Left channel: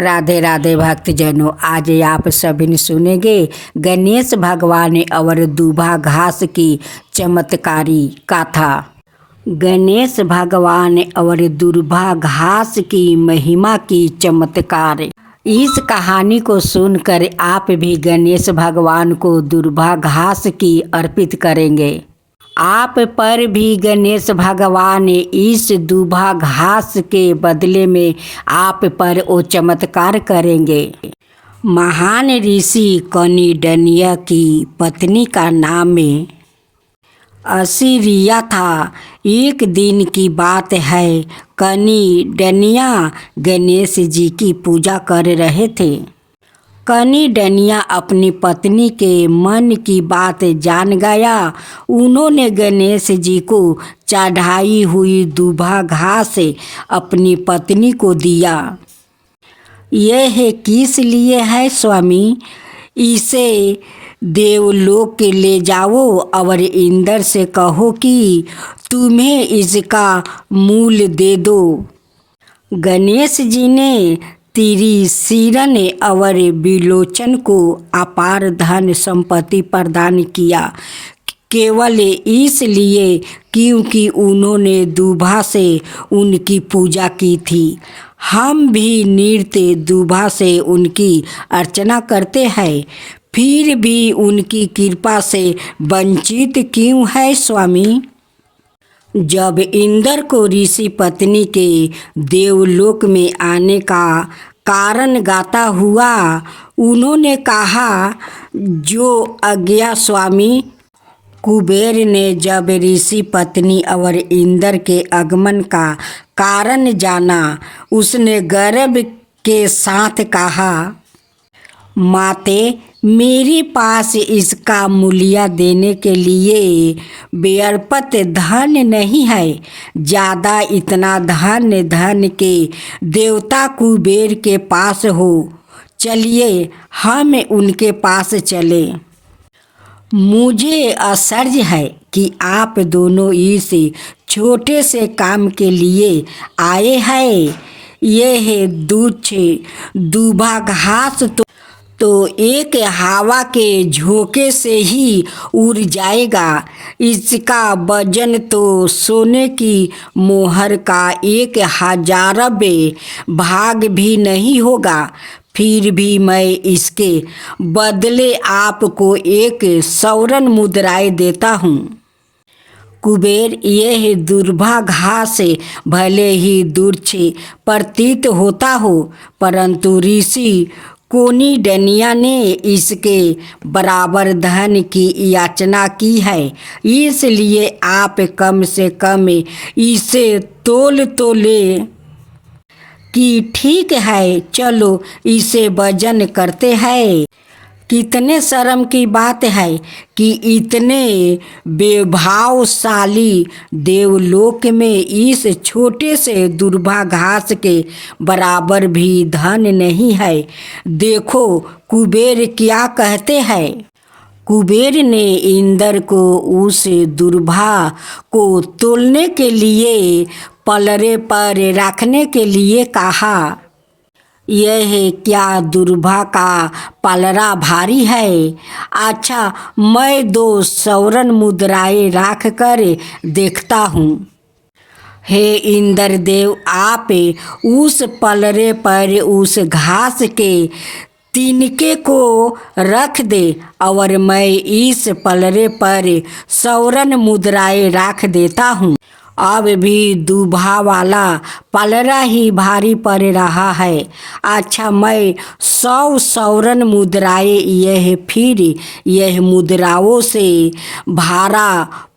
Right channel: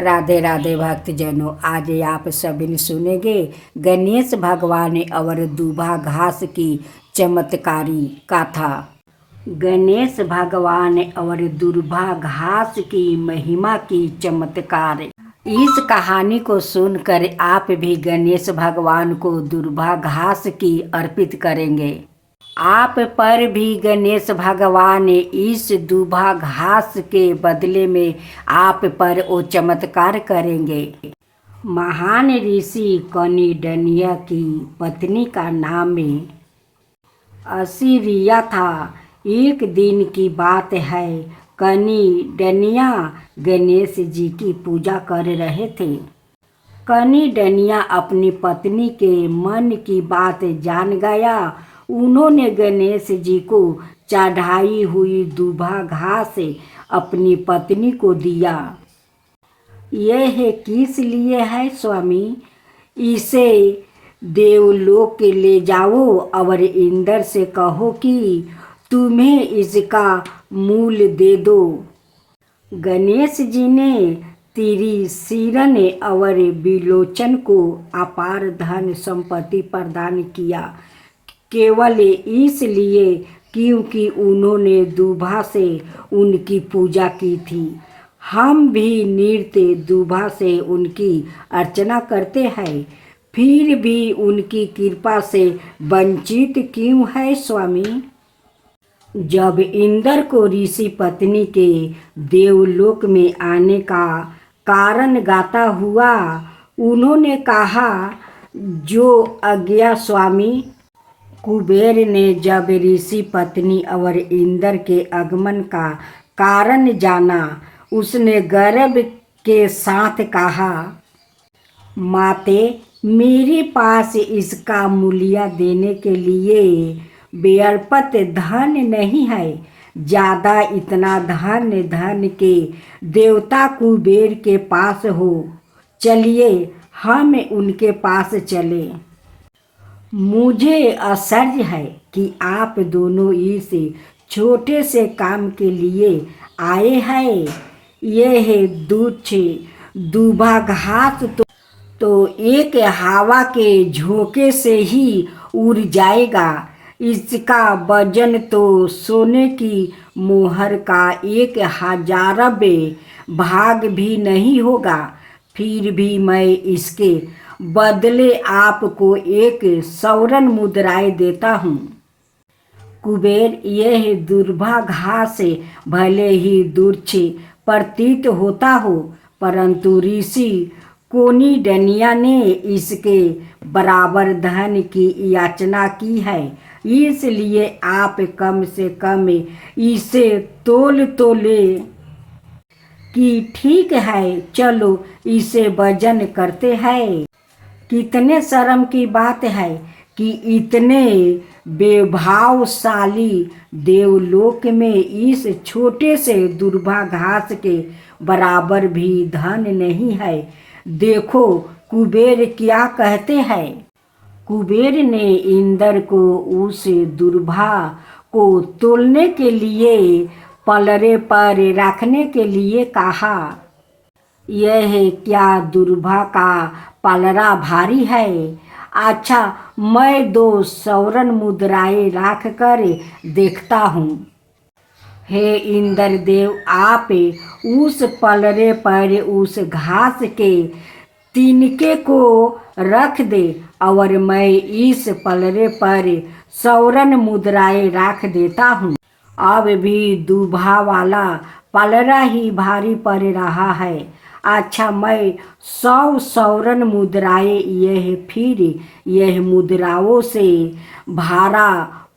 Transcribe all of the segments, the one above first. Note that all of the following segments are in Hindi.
राधे राधे भक्तजनों, आज आप सभी ने सुनेंगे गणेश भगवान और दूबा घास की चमत्कारी कथा। गणेश भगवान और दूबा घास की महिमा की चमत्कार। इस कहानी को सुनकर आप भी गणेश भगवान को दूबा घास की अर्पित करेंगे। आप पर भी गणेश भगवान इस दूबा घास के बदले में आप पर वो चमत्कार करेंगे। महान ऋषि कनिडनिया की पत्नी का नाम असीरिया था। एक दिन की बात है, कनिडनिया गणेश जी की पूजा कर रहे थे। कनिडनिया अपनी पत्नी के मन की बात जान गया। उन्होंने गणेश जी को चढ़ाई हुई दूबा घास अपनी पत्नी को दिया। यह किस लिए है स्वामी? इसे देवलोक ले जाओ और इंद्र से कहो कि तुम्हें इसका मूल्य दे दो। गणेश जी ने त्रिशिरन और विलोचन को अपार धन संपत्ति प्रदान किया, केवल इसलिए क्योंकि उन्होंने दूबा से उनकी पूजा की थी। हम भी नृत्य दूबा से उनकी अर्चना करते हैं, फिर भी उनकी कृपा से वंचित क्यों है स्वामी? जब इंद्र को ऋषि पत्नी के देवलोक में आने का कारण गाता हुआ, उन्होंने कहा, जो आज्ञा स्वामी। कुबेर ने जब ऋषि पत्नी और इंद्र के आगमन का कारण जाना, उसने गर्व के साथ कहा, माते, मेरे पास इसका मूल्य देने के लिए पर्याप्त धन नहीं है। ज़्यादा इतना धन के देवता कुबेर के पास हो। चलिए हम उनके पास चले। मुझे आश्चर्य है कि आप दोनों इस छोटे से काम के लिए आए हैं। यह दूबा घास तो एक हवा के झोंके से ही उड़ जाएगा। इसका वजन तो सोने की मोहर का 1000वें भाग भी नहीं होगा। फिर भी मैं इसके बदले आपको एक स्वर्ण मुद्राएं देता हूँ। कुबेर, यह दूबा घास भले ही तुच्छ प्रतीत होता हो, परंतु ऋषि कनिडनिया ने इसके बराबर धन की याचना की है, इसलिए आप कम से कम इसे तोल ले कि ठीक है, चलो इसे वजन करते हैं। कितने शर्म की बात है कि इतने वैभवशाली देवलोक में इस छोटे से दूबा घास के बराबर भी धन नहीं है। देखो कुबेर क्या कहते हैं। कुबेर ने इंद्र को उस दूबा को तोलने के लिए पलड़े पर रखने के लिए कहा। यह क्या दूबा का पलड़ा भारी है? अच्छा, मैं 2 स्वर्ण मुद्राएं रख कर देखता हूँ। हे इंद्रदेव, आप उस पलड़े पर उस घास के तिनके को रख दे और मैं इस पलड़े पर स्वर्ण मुद्राएं रख देता हूँ। अब भी दूबा वाला पलड़ा ही भारी पड़ रहा है। अच्छा, मैं 100 स्वर्ण मुद्राएं यह मुद्राओं से भरा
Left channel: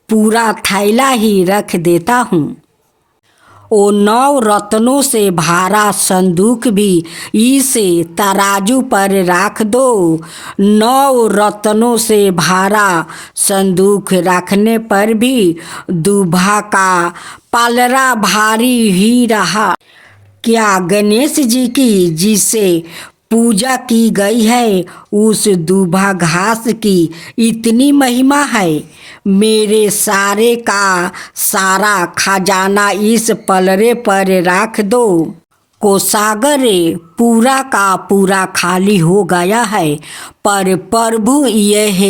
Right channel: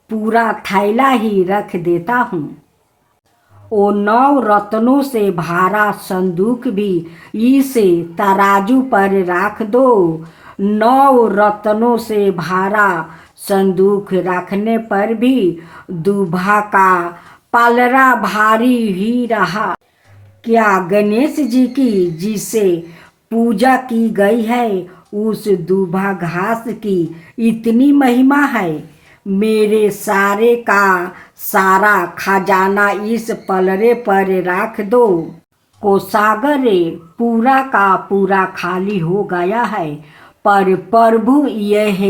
पूरा थैला ही रख देता हूँ। ओ 9 रत्नों से भरा संदूक भी इस तराजू पर रख दो। 9 रत्नों से भरा संदूक रखने पर भी दूबा का पलड़ा भारी ही रहा। क्या गणेश जी की जिसे पूजा की गई है, उस दूबा घास की इतनी महिमा है? मेरे सारे का सारा खजाना इस पलड़े पर रख दो। कोषागार पूरा का पूरा खाली हो गया है, पर प्रभु यह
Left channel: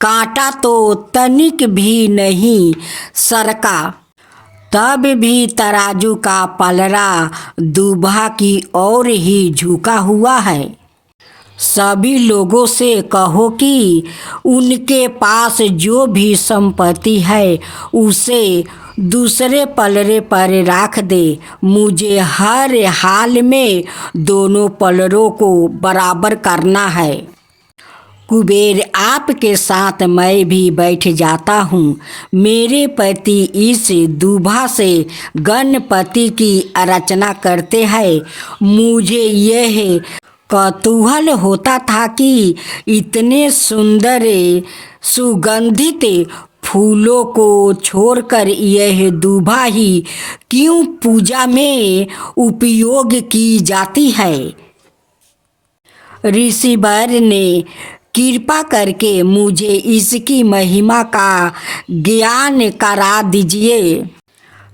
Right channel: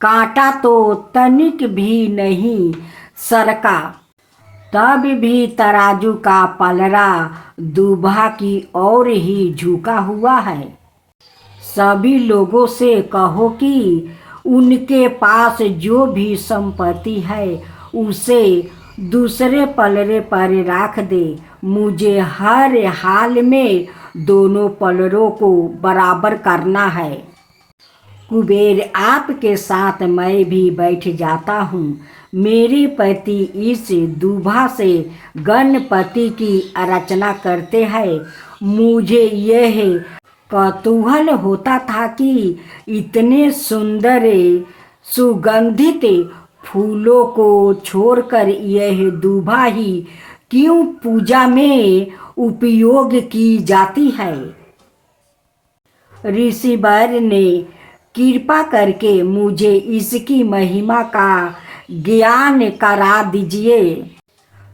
कांटा तो तनिक भी नहीं सरका। तब भी तराजू का पलड़ा दूल्हा की ओर ही झुका हुआ है। सभी लोगों से कहो कि उनके पास जो भी संपत्ति है उसे दूसरे पलड़े पर रख दे। मुझे हर हाल में दोनों पलड़ों को बराबर करना है। कुबेर आपके साथ मैं भी बैठ जाता हूँ। मेरे पति इस दूल्हा से गणपति की रचना करते हैं। मुझे यह कौतूहल होता था कि इतने सुंदर सुगंधित फूलों को छोड़कर यह दूल्हा ही क्यों पूजा में उपयोग की जाती है। ऋषिवर ने कृपा करके मुझे इसकी महिमा का ज्ञान करा दीजिए।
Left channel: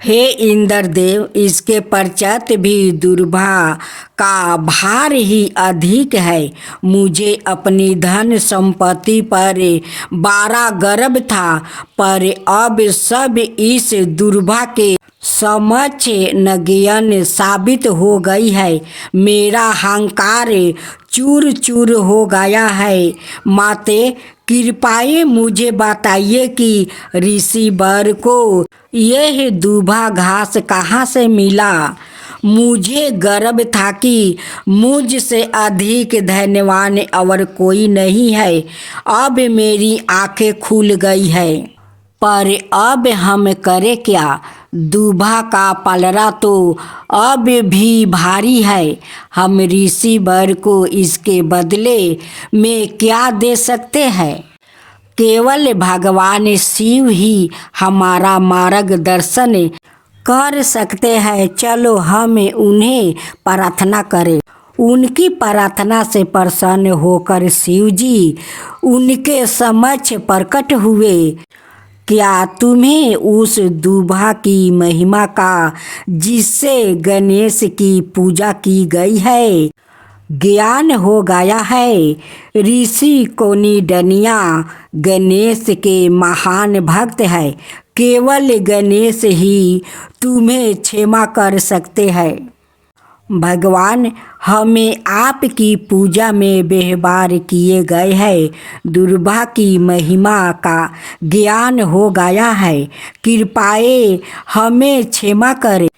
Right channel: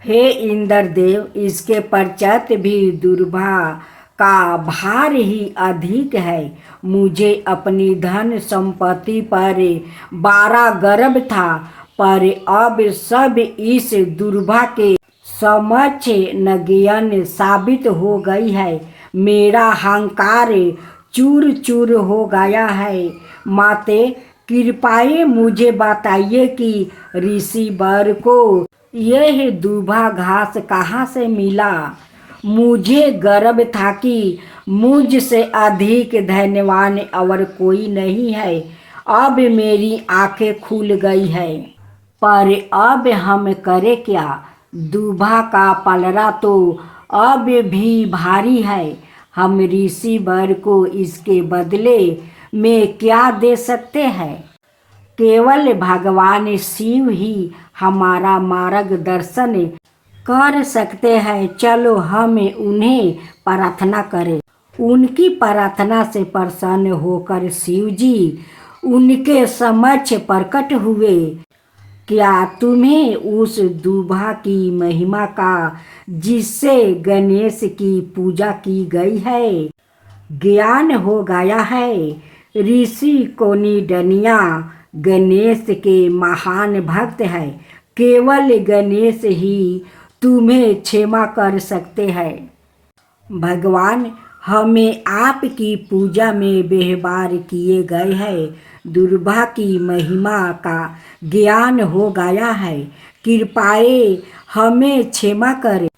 हे इंद्रदेव, इसके पश्चात भी दूल्हा का भार ही अधिक है। मुझे अपनी धन संपत्ति पर बड़ा गर्व था, पर अब सब इस दूल्हा के समक्ष नगण्य साबित हो गई है। मेरा अहंकार चूर चूर हो गया है। माते, कृपया मुझे बताइए कि ऋषिवर को यह दूल्हा घास कहाँ से मिला। मुझे गर्व था कि मुझसे अधिक धन्यवान और कोई नहीं है। अब मेरी आंखें खुल गई है, पर अब हम करें क्या। दूल्हा का पलड़ा तो अब भी भारी है। हम ऋषिवर को इसके बदले में क्या दे सकते हैं। केवल भगवान शिव ही हमारा मार्गदर्शन कर सकते हैं। चलो हम उन्हें प्रार्थना करें। उनकी प्रार्थना से प्रसन्न होकर शिव जी उनके समक्ष प्रकट हुए। क्या तुम्हें उस दूल्हा की महिमा का जिससे गणेश की पूजा की गई है ज्ञान हो गया है। ऋषि कोनिडनिया गणेश के महान भक्त है। केवल गणेश ही तुम्हें क्षमा कर सकते हैं। भगवान, हमें आपकी पूजा में व्यवहार किए गए हैं दूल्हा की महिमा का ज्ञान हो गया है। कृपया हमें क्षमा करें।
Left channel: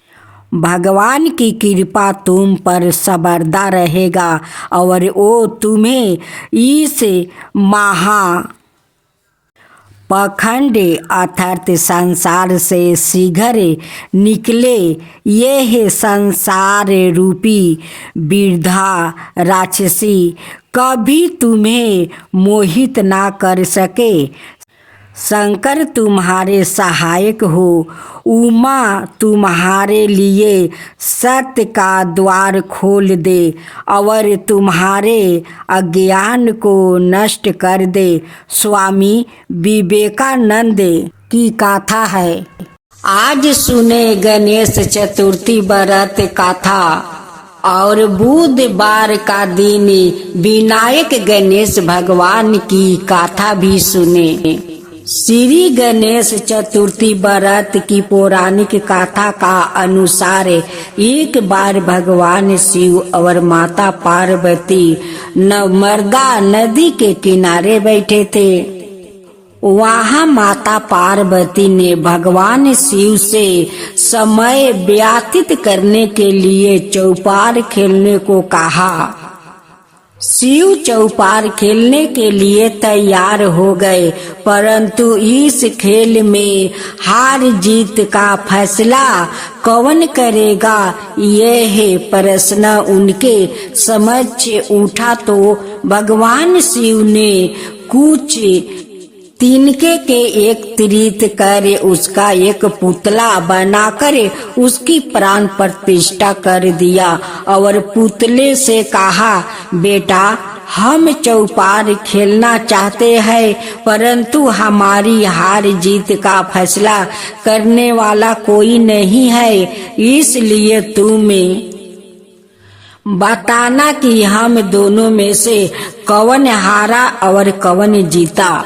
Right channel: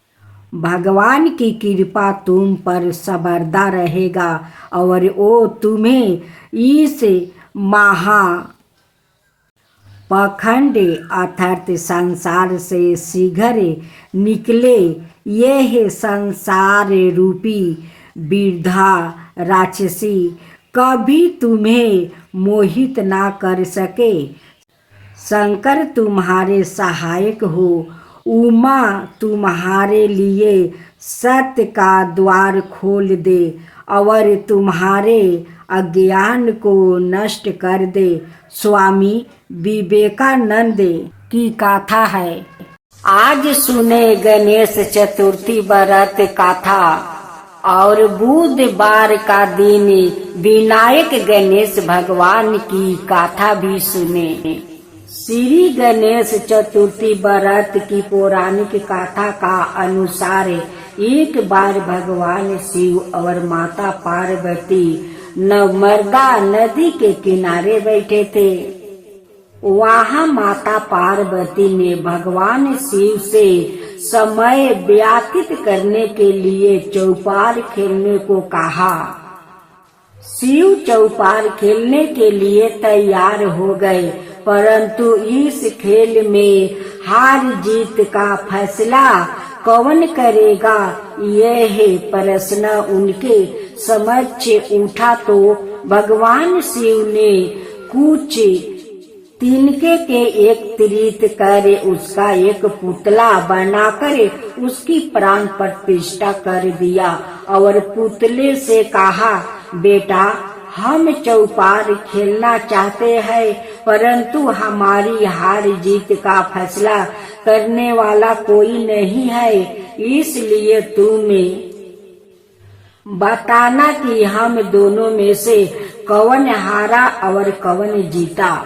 भगवान की कृपा तुम पर सर्वदा रहेगा और वो तुम्हें इस पाखंड अर्थात संसार से शीघ्र निकले यह संसार रूपी वृद्धा राक्षसी कभी तुम्हें मोहित ना कर सके। शंकर तुम्हारे सहायक हो। उमा तुम्हारे लिए सत्य का द्वार खोल दे और तुम्हारे अज्ञान को नष्ट कर दे। स्वामी विवेकानंद की गाथा है। आज सुने गणेश चतुर्थी व्रत कथा और बुधवार का दिन विनायक गणेश भगवान की गाथा भी सुने। श्री गणेश चतुर्थी व्रत की पौराणिक कथा का अनुसार एक बार भगवान शिव और माता पार्वती नर्मदा नदी के किनारे बैठे थे। वहाँ माता पार्वती ने भगवान शिव से समय व्यतीत करने के लिए चौपार खेलने को कहा। शिव चौपार खेलने के लिए तैयार हो गए, परंतु इस खेल में हार जीत का फैसला कौन करेगा यह प्रश्न उनके समक्ष उठा तो भगवान शिव ने कुछ तिनके के एक तीर्थ कर उसका एक पुतला बनाकर उसकी प्राण प्रतिष्ठा कर दिया और पुतले से कहा, बेटा हम चौपार खेलना चाहते हैं, परंतु हमारी हार जीत का फैसला करने वाला कोई नहीं है, इसलिए तुम्हें बताना कि हम दोनों में से कौन हारा और कौन जीता।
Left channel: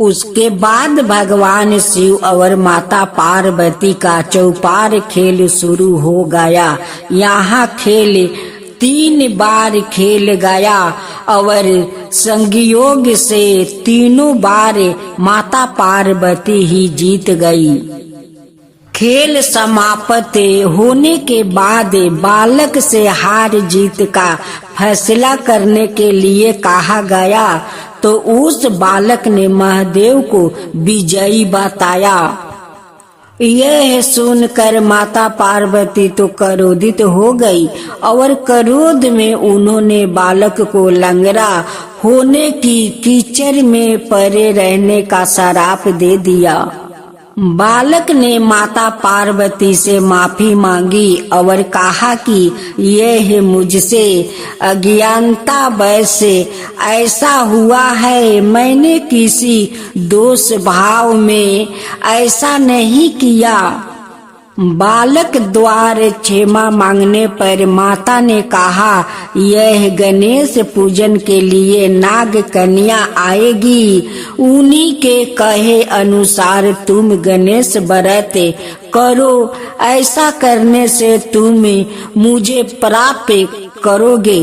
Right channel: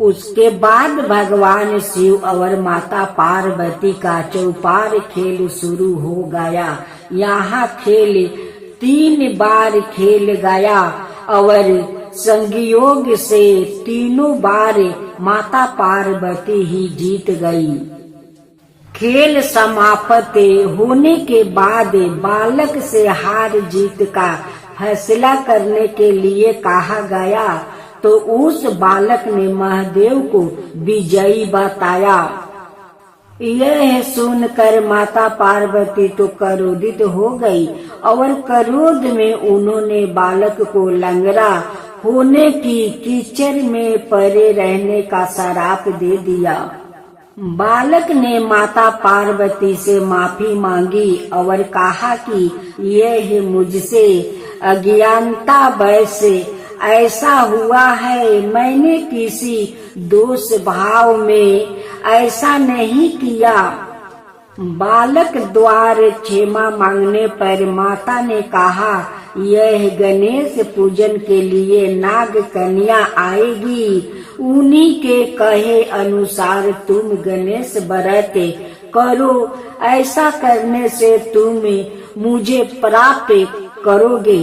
उसके बाद भगवान शिव और माता पार्वती का चौपार खेल शुरू हो गया। यहाँ खेल 3 बार खेल गया और संयोग से तीनों बार माता पार्वती ही जीत गई। खेल समाप्त होने के बाद बालक से हार जीत का फैसला करने के लिए कहा गया, तो उस बालक ने महादेव को विजयी बताया। यह सुनकर माता पार्वती तो क्रोधित हो गई और क्रोध में उन्होंने बालक को लंगड़ा होने की कीचड़ में पड़े रहने का श्राप दे दिया। बालक ने माता पार्वती से माफी मांगी और कहा कि यह मुझसे अज्ञानतावश ऐसा हुआ है, मैंने किसी दोष भाव में ऐसा नहीं किया। बालक द्वारा क्षमा मांगने पर माता ने कहा, यह गणेश पूजन के लिए नाग कन्या आएगी, उन्हीं के कहे अनुसार तुम गणेश व्रत करो, ऐसा करने से तुम मुझे प्राप्त करोगे।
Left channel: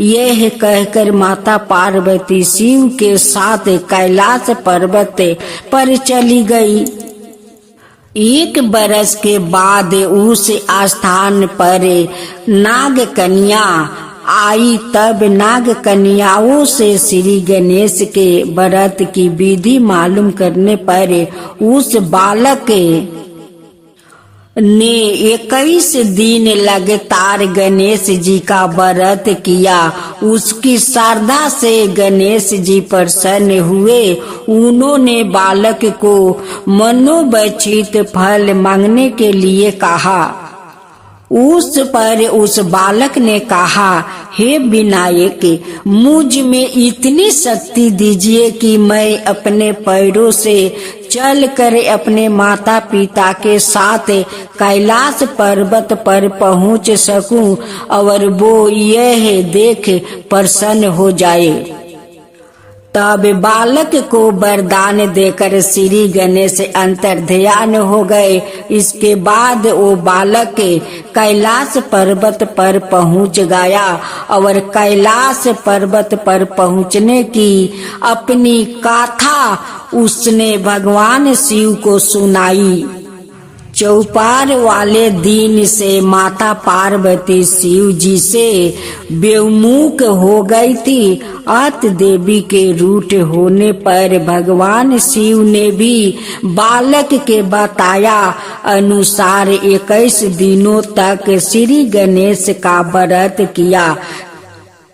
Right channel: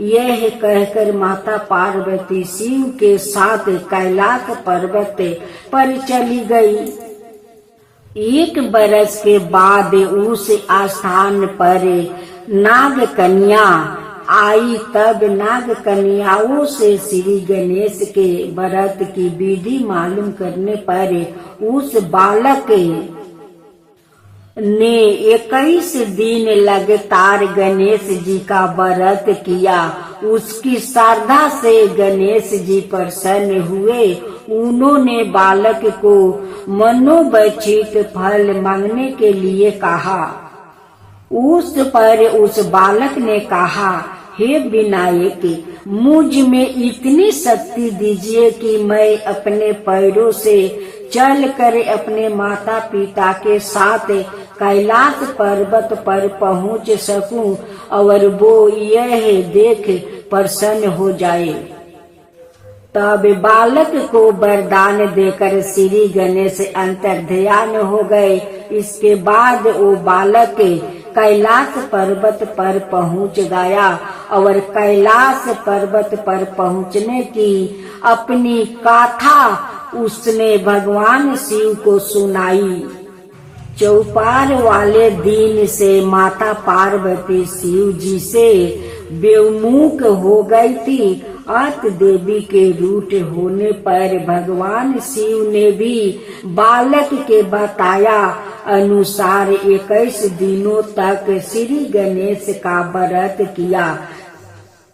यह कहकर माता पार्वती शिव के साथ कैलाश पर्वत पर चली गई। 1 बरस के बाद उस स्थान पर नाग कन्या आई। तब नाग कन्याओं से श्री गणेश के व्रत की विधि मालूम करने पर उस बालक ने 21 दिन लगातार गणेश जी का व्रत किया। उसकी श्रद्धा से गणेश जी प्रसन्न हुए। उन्होंने बालक को मनोवांछित फल मांगने के लिए कहा। उस पर उस बालक ने कहा, हे विनायक, मुझ में इतनी शक्ति दीजिए कि मैं अपने पैरों से चलकर अपने माता पिता के साथ कैलाश पर्वत पर पहुंच सकूं और वो यह देख प्रसन्न हो जाए। तब बालक को वरदान देकर श्री गणेश अंतर्ध्यान हो गए। इसके बाद वो बालक कैलाश पर्वत पर पहुंच गया और कैलाश पर्वत पर पहुंचने की अपनी गाथा उसने भगवान शिव को सुनाई। चौपार वाले दिन से माता पार्वती शिव जी से बेमुख हो गई थी। अत देवी के रूठ होने पर भगवान शिव ने भी बालक के बताया अनुसार 21 दिनों तक श्री गणेश का व्रत किया।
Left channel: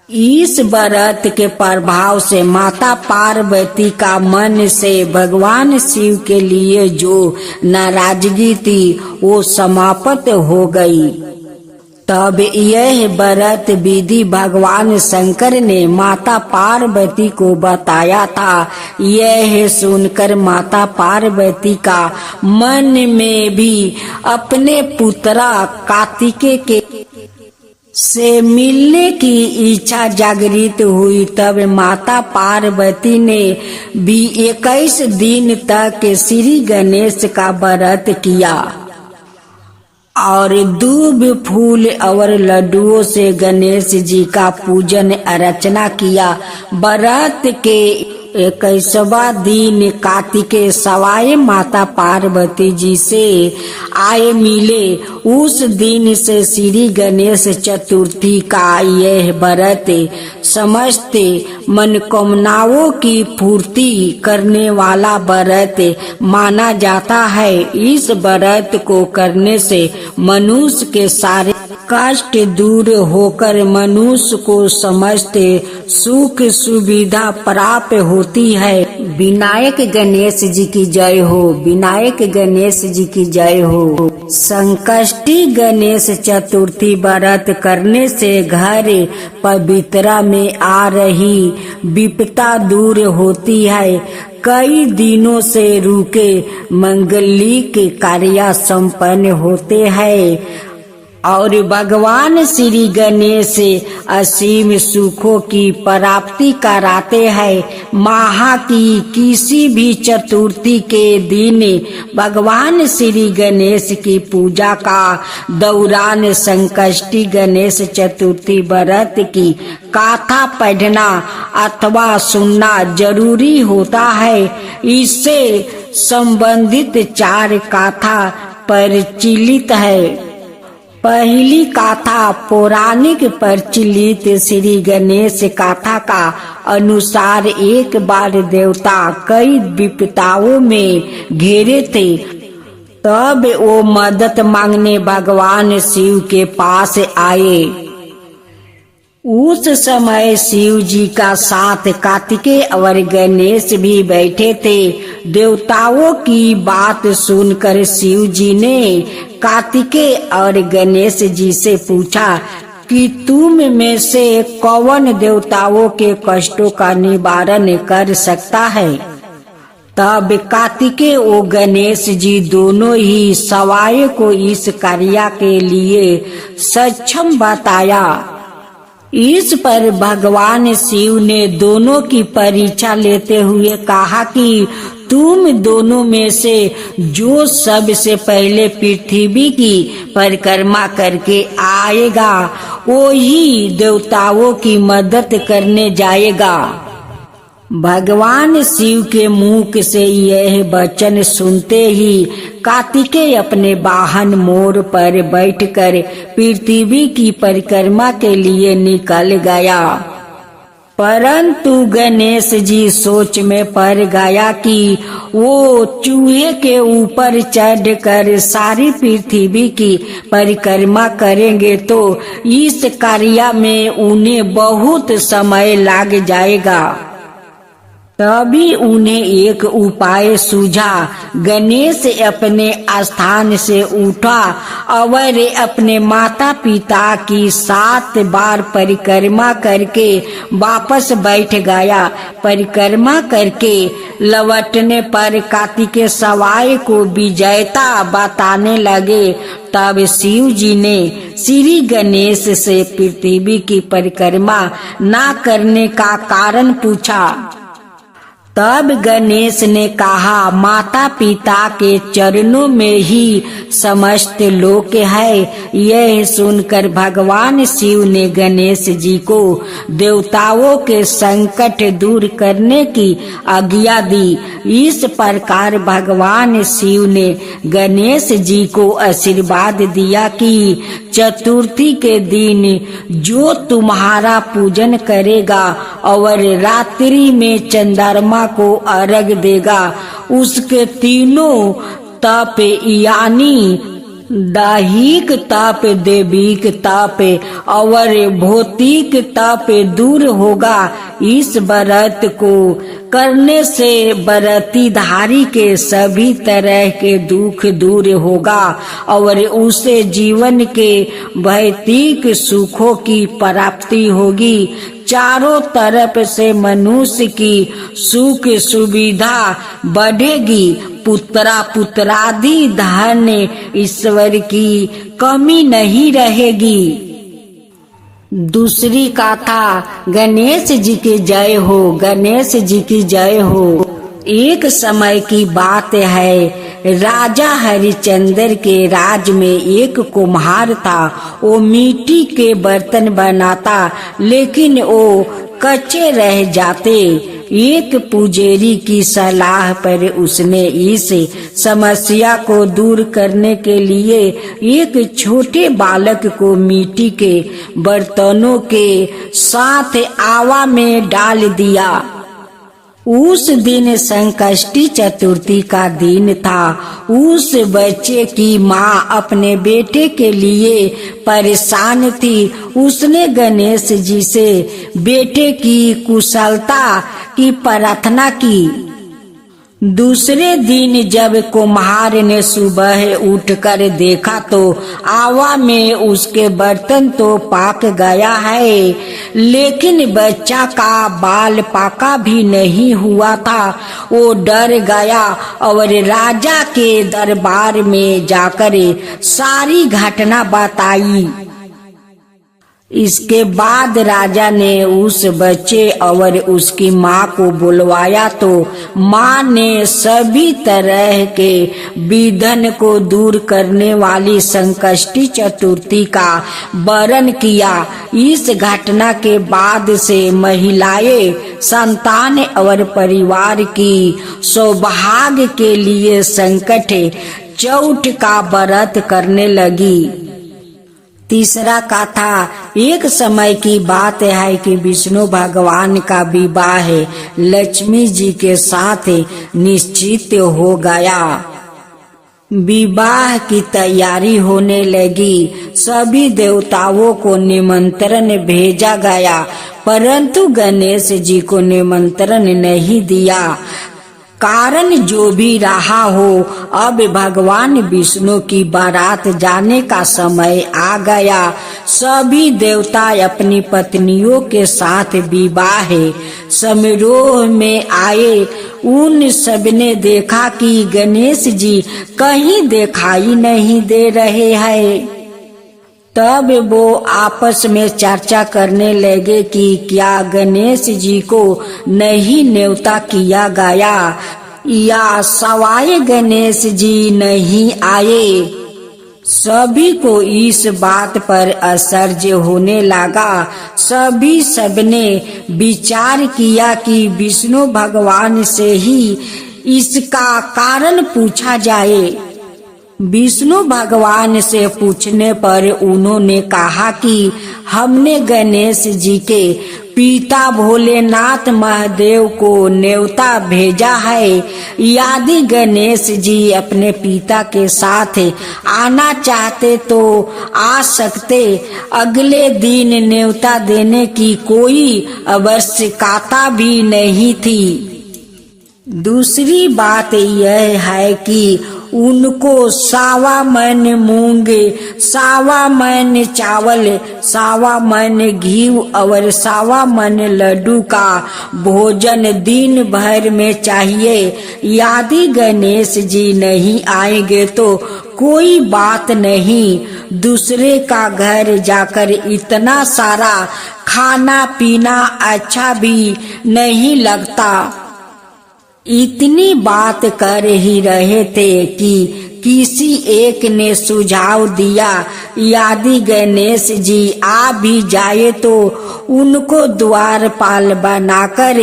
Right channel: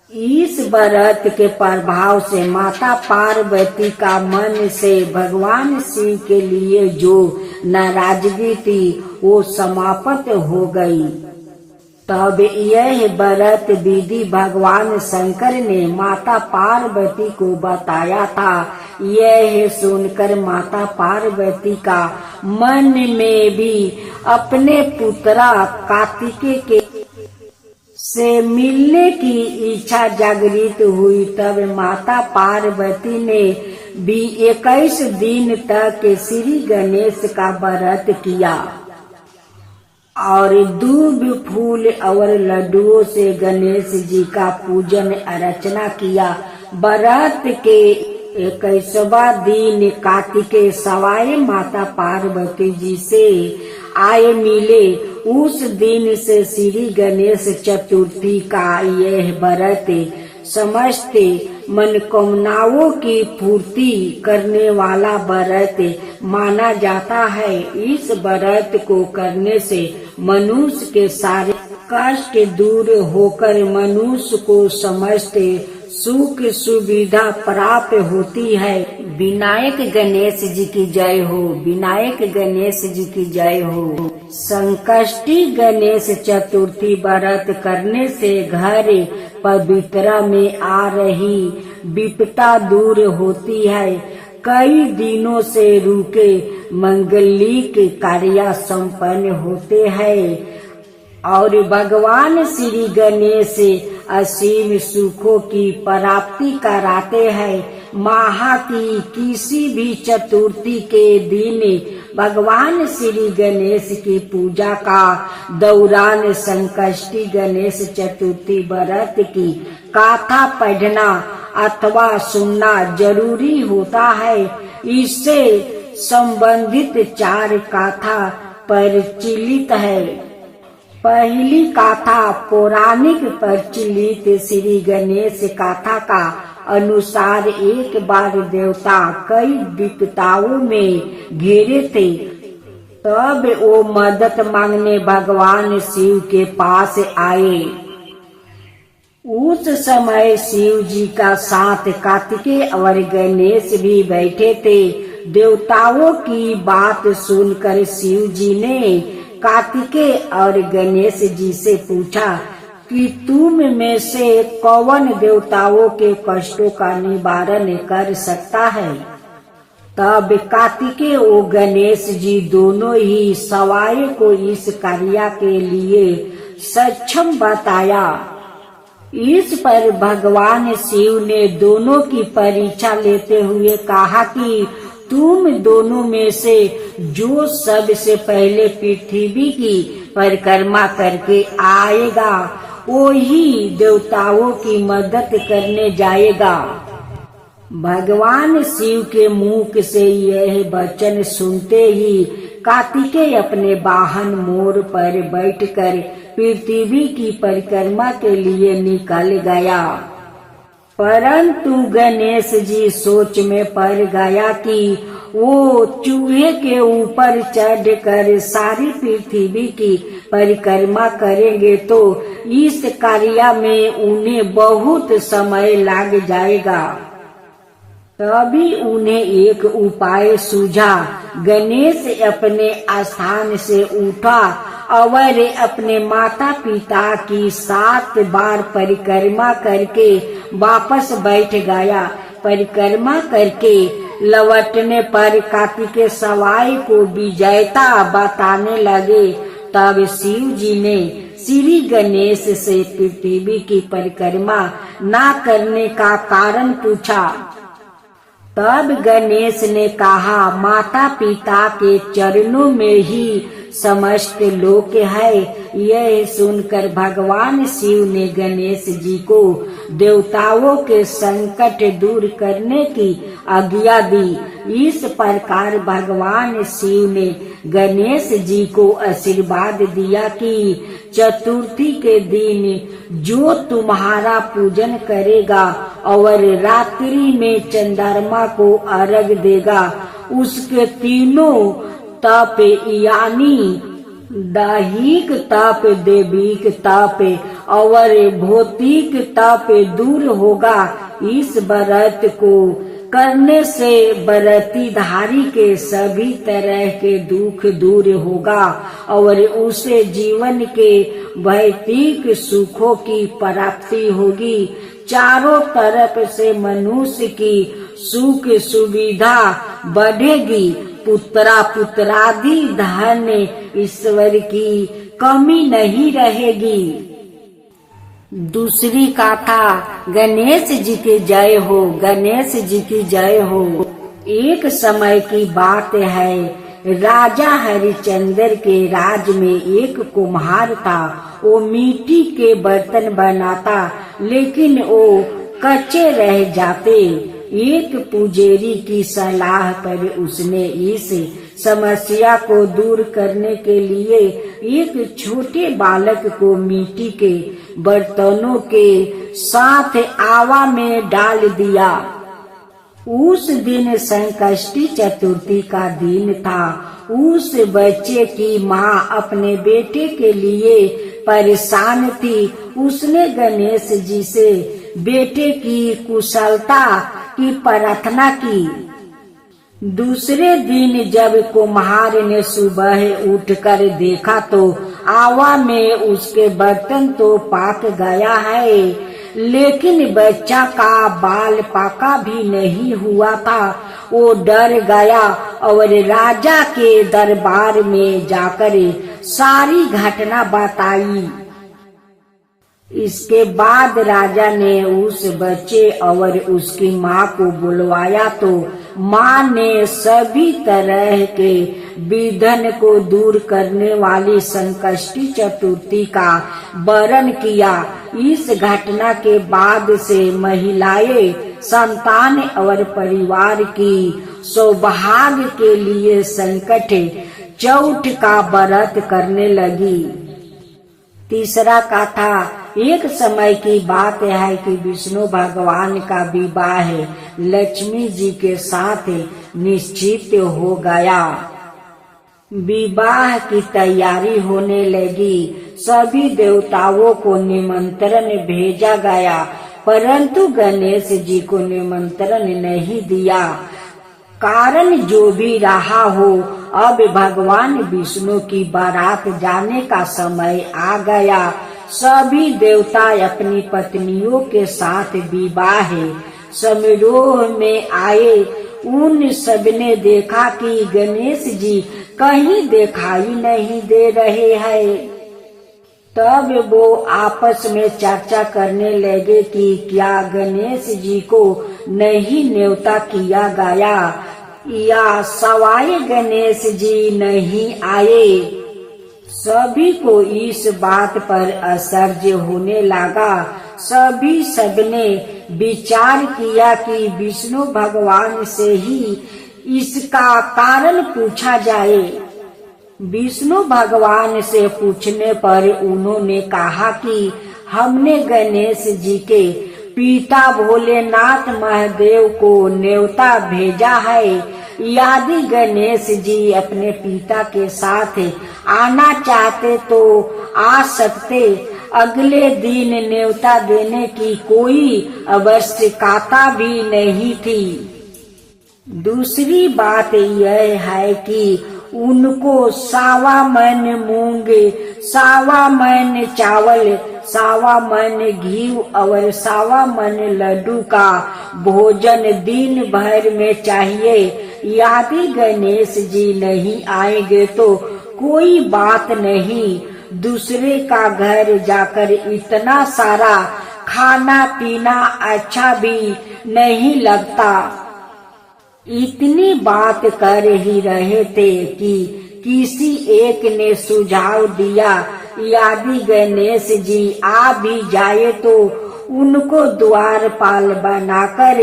इस व्रत के प्रभाव से माता पार्वती का मन से भगवान शिव के लिए जो नाराजगी थी वो समाप्त हो गई। तब यह व्रत विधि भगवान शंकर ने माता पार्वती को बताया था। यह सुनकर माता पार्वती का मन में भी अपने पुत्रा कार्तिकेय के से मिलने की इच्छा जागृत हुई। तब माता पार्वती ने भी 21 दिन तक श्री गणेश का व्रत किया और दूब फूल और लड्डुओं से गणेश जी का पूजन अर्चना किया। व्रत के 21वां दिन कार्तिकेय सवाए माता पार्वती जी से आए मिले। उस दिन से श्री गणेश चतुर्थी का यह व्रत समस्त मनोकामनाओं की पूर्ति करने वाला व्रत माना जाता है। इस व्रत को करने से मनुष्य के सारे कष्ट दूर होकर मनुष्य को समस्त सुख सुविधा प्राप्त होती है। विनायक गणेश जी की जय हो। विनायक गणेश जी की जय हो। संकष्टी गणेश चतुर्थी व्रत करने से घर पवित्रता में आ रही विपदा दूर होती है। कई दिनों से रुके मंगलिक कार्य संपन्न होते हैं। और भगवान श्री गणेश असीम सुखों की प्राप्ति कराते हैं। माह की किसी भी चतुर्थी के दिन भगवान श्री गणेश की पूजा का दौरान संकष्टी गणेश चतुर्थी व्रत की गाथा पढ़ना अथवा सुनना जरूरी होता है। इससे संबंधित 4 गाथा प्रचलित है। पहली गाथा पौराणिक प्रचलित श्री गणेश गाथा का अनुसार एक बार देवता कई विपदाओं में घिरे थे। तब वो मदद मांगने भगवान शिव के पास आए। उस समय शिव जी का साथ कार्तिकेय और गणेश भी बैठे थे। देवताओं की बात सुनकर शिव जी ने कार्तिकेय और गणेश जी से पूछा कि तुम में से कौन देवताओं के कष्टों का निवारण कर सकता है। तब कार्तिकेय और गणेश जी दोनों ही सवाए को इस कार्य के लिए सक्षम बताया। इस पर भगवान शिव ने दोनों की परीक्षा लेते हुए कहा कि तुम दोनों में से जो सबसे पहले पृथ्वी की परिक्रमा करके आएगा वो ही देवताओं की मदद करने जाएगा। भगवान शिव के मुख से यह वचन सुनते ही कार्तिकेय अपने वाहन मोर पर बैठकर पृथ्वी की परिक्रमा के लिए निकल गया। परंतु गणेश जी सोच में पड़ गया कि वो चूहे के ऊपर चढ़कर सारी पृथ्वी की परिक्रमा करेंगे तो इस कार्य में उन्हें बहुत समय लग जाएगा। तभी उन्हें एक उपाय सूझा। गणेश अपने स्थान से उठा और अपने माता पिता की 7 बार परिक्रमा करके वापस बैठ गया। परिक्रमा करके लौटने पर कार्तिकेय सवाई को विजेता बताने लगे। तब शिव जी ने श्री गणेश से पृथ्वी की परिक्रमा न करने का कारण पूछा। तब गणेश ने कहा, माता पिता के चरणों में ही समस्त लोक है। यह सुनकर भगवान शिव ने गणेश जी को देवताओं के संकट दूर करने की आज्ञा दी। इस प्रकार भगवान शिव ने गणेश जी को आशीर्वाद दिया कि चतुर्थी के दिन जो तुम्हारा पूजन करेगा और रात्रि में चंद्रमा को अर्घ देगा उसके तीनों तप यानी दैहिक तप, देविक तप और भौतिक तप दूर होगा। इस व्रत को करने से व्रतधारी के सभी तरह के दुख दूर होगा और उसे जीवन के भौतिक सुखों की प्राप्ति होगी। चारों तरफ से मनुष्य की सुख सुविधा बढ़ेगी। पुत्रादि धन ईश्वर की कमी नहीं रहेगी। दूसरी गाथा गणेश जी की जय हो, गणेश जी की जय हो। एक समय की बात है, राजा हरिश्चंद्र के राज में एक कुम्हार था। वो मिट्टी के बर्तन बनाता लेकिन वो कच्चे रह जाते। एक पुजारी की सलाह पर उसने इस समस्या को दूर करने के लिए एक छोटे बालक को मिट्टी के बर्तनों के साथ आवा में डाल दिया। उस दिन संकष्टी चतुर्थी का दिन था। उस बच्चे की माँ अपने बेटे के लिए परेशान थी। उसने गणेश जी से बेटे की कुशलता की प्रार्थना की। दूसरे दिन जब कुम्हार ने सुबह उठकर देखा तो आवा में उसके बर्तन तो पाक गया है, लेकिन बच्चा का बाल पाका भी नहीं हुआ था। वो डर गया और राजा के दरबार में जाकर सारी घटना बताई। इसके बाद राजा ने उस बच्चे और उसकी माँ को बुलवाया तो माँ ने सभी तरह के विघ्न को दूर करने वाली संकष्टी चतुर्थी का वर्णन किया। इस घटना के बाद से महिलाएं संतान और परिवार की सौभाग्य के लिए संकट चौथ का व्रत करने लगी। तीसरा कथा, एक समय की बात है कि विष्णु भगवान का विवाह लक्ष्मी जी के साथ निश्चित हो गया। विवाह की तैयारी होने लगी। सभी देवताओं को निमंत्रण भेजा गया, परंतु गणेश जी को निमंत्रण नहीं दिया। कारण जो भी रहा हो, अब भगवान विष्णु की बारात जाने का समय आ गया। सभी देवता अपनी पत्नियों के साथ विवाह समारोह में आए। उन सबने देखा कि गणेश जी कहीं दिखाई नहीं दे रहे हैं। तब वो आपस में चर्चा करने लगे कि क्या गणेश जी को नहीं न्योता किया गया या सवाए गणेश जी नहीं आए। सभी को इस बात पर आश्चर्य होने लगा। सबने विचार किया कि विष्णु भगवान से ही इसका कारण पूछा जाए। विष्णु भगवान से पूछने पर उन्होंने कहा कि हमने गणेश जी के पिता भोलेनाथ महादेव को न्योता भेजा है। यदि गणेश जी अपने पिता के साथ आना चाहते तो आ सकते। अगले दिन न्योता देने की कोई आवश्यकता भी नहीं थी। दूसरी बात यह है कि उनको सावा मन मूंग, सावा मन चावल, सावा मन घी और सावा मन लड्डू का भोजन दिन भर में चाहिए। यदि गणेश जी नहीं आएंगे तो कोई बात नहीं, दूसरे का घर जाकर इतना सारा खाना पीना अच्छा भी नहीं लगता। इतनी बात कर ही रहे थे कि किसी एक ने सुझाव दिया, यदि गणेश जी आ भी जाए तो उनको द्वारपाल बनाकर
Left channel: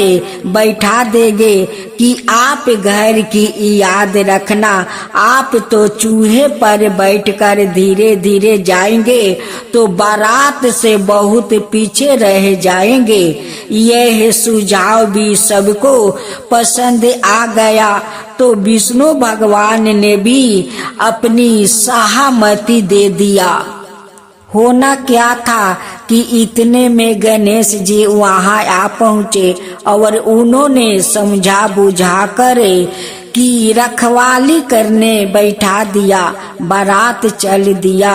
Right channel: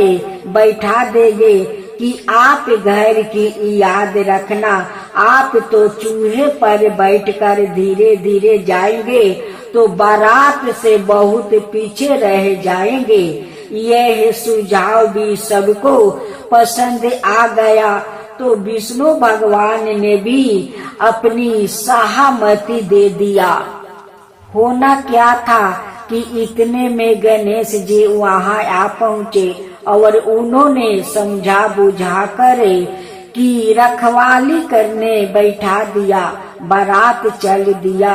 बैठा देंगे कि आप घर की याद रखना। आप तो चूहे पर बैठकर धीरे धीरे जाएंगे तो बारात से बहुत पीछे रह जाएंगे। यह सुझाव भी सबको पसंद आ गया तो विष्णु भगवान ने भी अपनी सहमति दे दिया। होना क्या था कि इतने में गणेश जी वहां आ पहुँचे और उन्होंने समझा बुझा कर की रखवाली करने बैठा दिया। बारात चल दिया।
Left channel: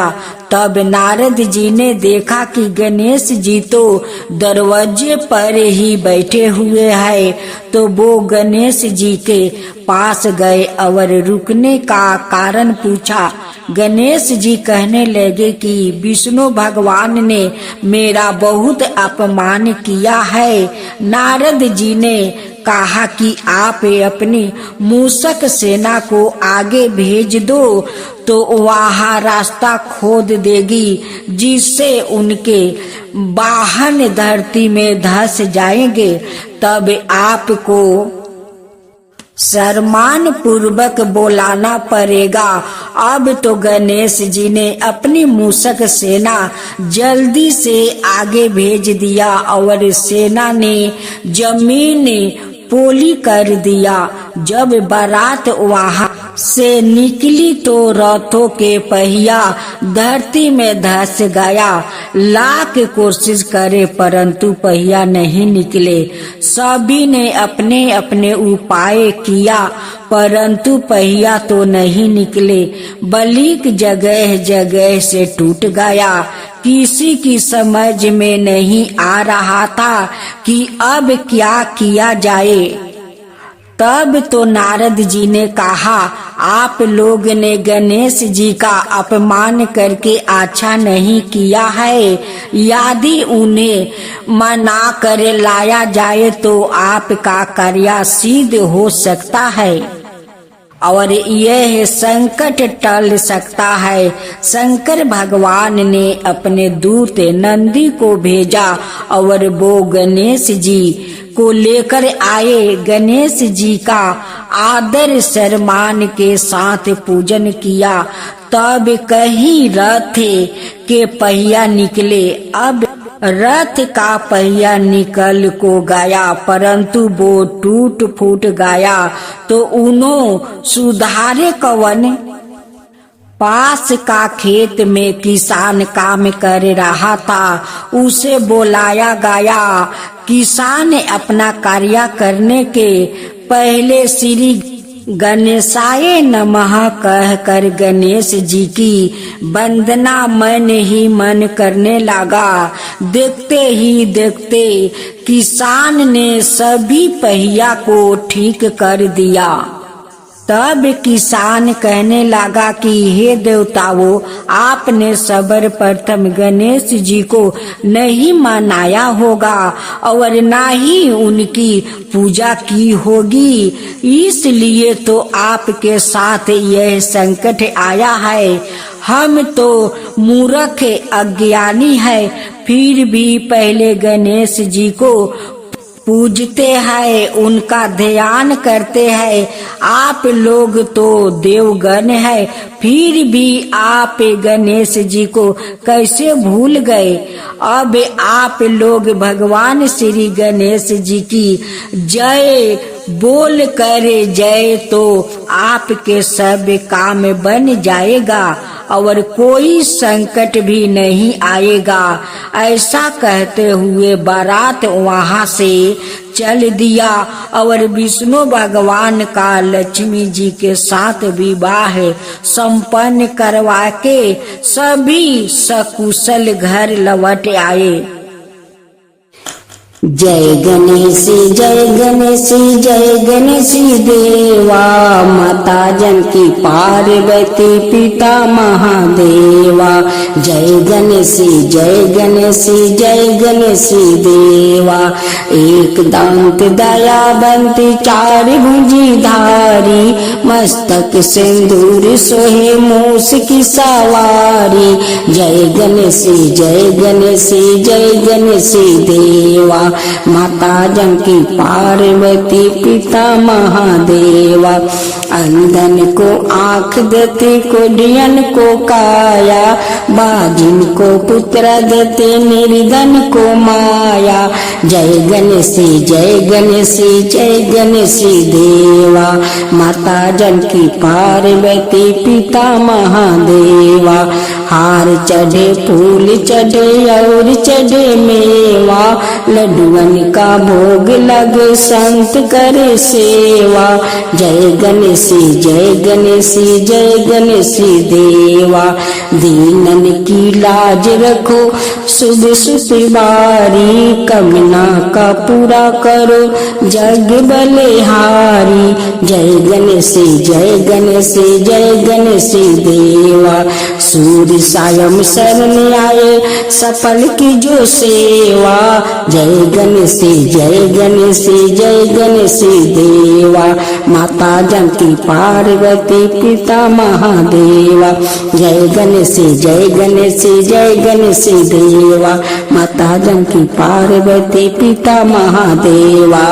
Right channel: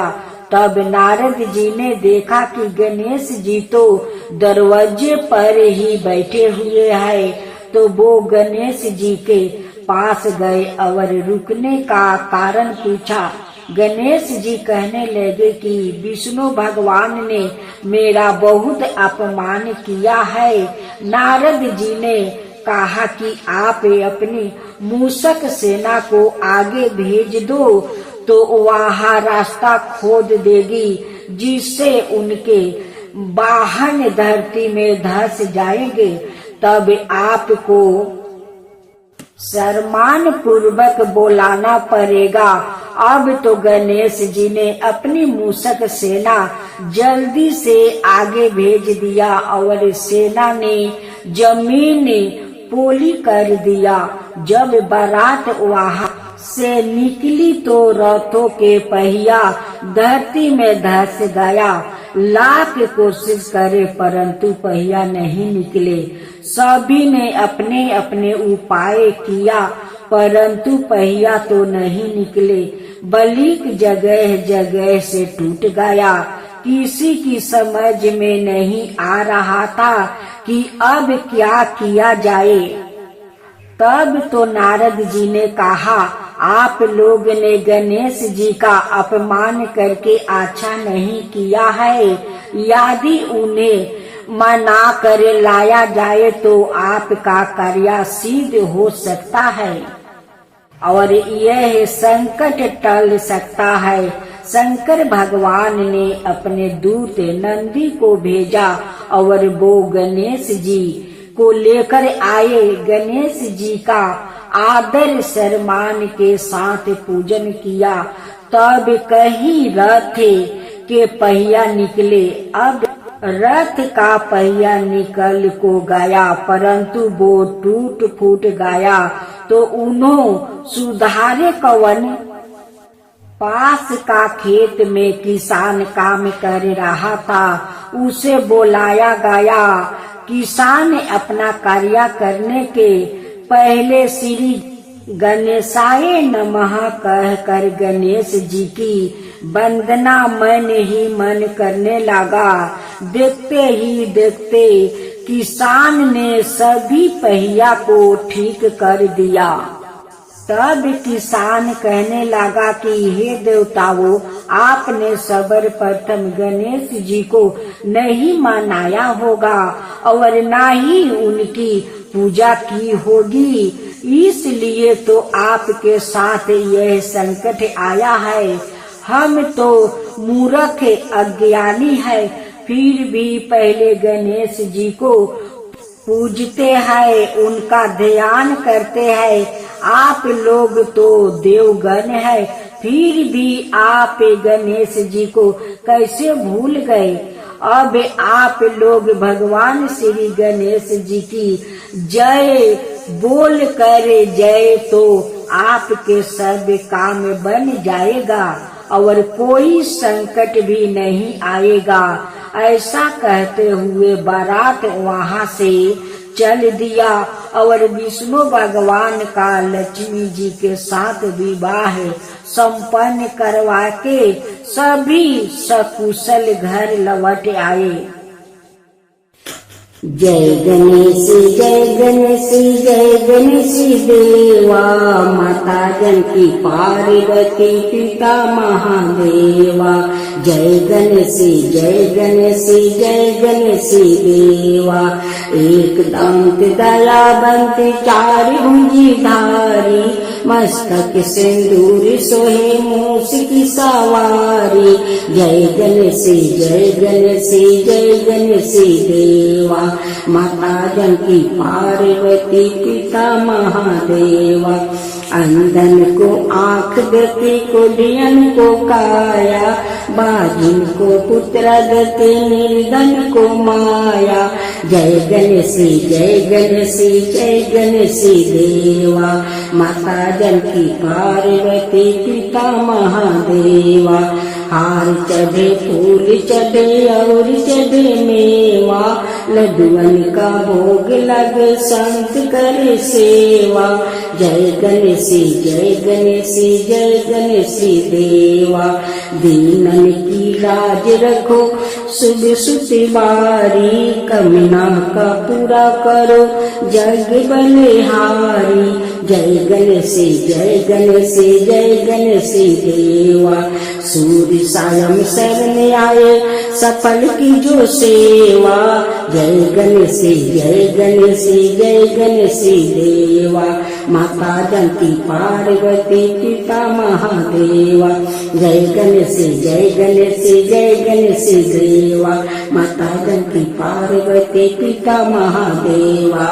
तब नारद जी ने देखा कि गणेश जी तो दरवाजे पर ही बैठे हुए हैं, तो वो गणेश जी के पास गए और रुकने का कारण पूछा। गणेश जी कहने लगे कि विष्णु भगवान ने मेरा बहुत अपमान किया है। नारद जी ने कहा कि आप अपनी मूषक सेना को आगे भेज दो तो वहाँ रास्ता खोद देगी, जिससे उनके वाहन धरती में धंस जाएंगे। तब आपको सम्मान पूर्वक बोलाना पड़ेगा। अब तो गणेश जी ने अपनी मूषक सेना जल्दी से आगे भेज दिया और सेना ने जमीन पोली कर दिया। जब बारात वहां से निकली तो रथों के पहिया धरती में धंस गया। लाख कोशिश करे परंतु पहिया नहीं निकले। सभी ने अपने अपने उपाय किया परंतु पहिया तो नहीं निकले। बलिक जगह जगह से टूट गया। किसी की समझ में नहीं आ रहा था कि अब क्या किया जाए। तब तो नारद जी ने कहा, आप लोग ने गणेश जी का अपमान करके अच्छा नहीं किया है। यदि उन्हें मना कर लाया जाए तो आपका कार्य सिद्ध हो सकता है और यह संकट टल सकता है। शंकर भगवान ने अपने दूत नंदी को भेजा और वो गणेश जी को लेकर आए। गणेश जी का आदर सम्मान के साथ पूजन किया। तब कहीं रथ के पहिया निकले। अब रथ का पहिया निकल को गया परंतु वो टूट फूट गया। तो उन्होंने सुधारे कवन। पास का खेत में किसान काम कर रहा था, उसे बुलाया गया। किसान अपना कार्य करने के पहले श्री गणेशाय नमः कहकर गणेश जी की वंदना मन ही मन करने लगा। देखते ही देखते किसान ने सभी पहिया को ठीक कर दिया। तब किसान कहने लगा कि हे देवताओं, आपने सर्वप्रथम गणेश जी को नहीं मनाया होगा और ना ही उनकी पूजा की होगी, इसलिए तो आपके साथ यह संकट आया है। हम तो मूर्ख अज्ञानी है, फिर भी पहले गणेश जी को पूजते हैं, उनका ध्यान करते हैं। आप लोग तो देवगण है, फिर भी आप गणेश जी को कैसे भूल गए। अब आप लोग भगवान श्री गणेश जी की जय बोल कर जय तो आपके सब काम बन जाएगा और कोई संकट भी नहीं आएगा। ऐसा कहते हुए बारात वहां से चल दिया और विष्णु भगवान का लक्ष्मी जी के साथ विवाह संपन्न करवा के सभी सकुशल घर लौट आए। जय गणेश जय गणेश जय गणेश देवा, माता जानकी पार्वती पिता महादेवा। जय गणेश जय गणेश जय गणेश देवा, एक दांत दयावंत चार भुजी धारी, मस्तक सिंदूर सोहे मूस की सवारी। जय गणेश जय गणेश जय गणेश देवा, माता जानकी पार्वती पिता महादेवा। अंधन को आँख देते कोढ़ियन को काया, बाजिन को पुत्र देते निर्धन को माया। जय गणेश जय गणेश जय गणेश देवा, माता जानकी पार्वती पिता महादेवा। हार चढ़े फूल चढ़े और चढ़े मेवा, लड्डुअन का भोग लगे संत करे सेवा। जय गणेश जय गणेश जय गणेश देवा, दीनन की लाज रखो शुभ सुतिवारी, कमना का पूरा करो जग बलिहारी। जय गणेश जय गणेश जय गणेश देवा, सूर्य सायं शरण आए सफल की जो सेवा। जय गणेश जय गणेश जय गणेश देवा, माता जानकी पार्वती पिता महादेवा। जय गणेश जय गणेश जय गणेश देवा, माता जानकी पार्वती पिता महादेवा।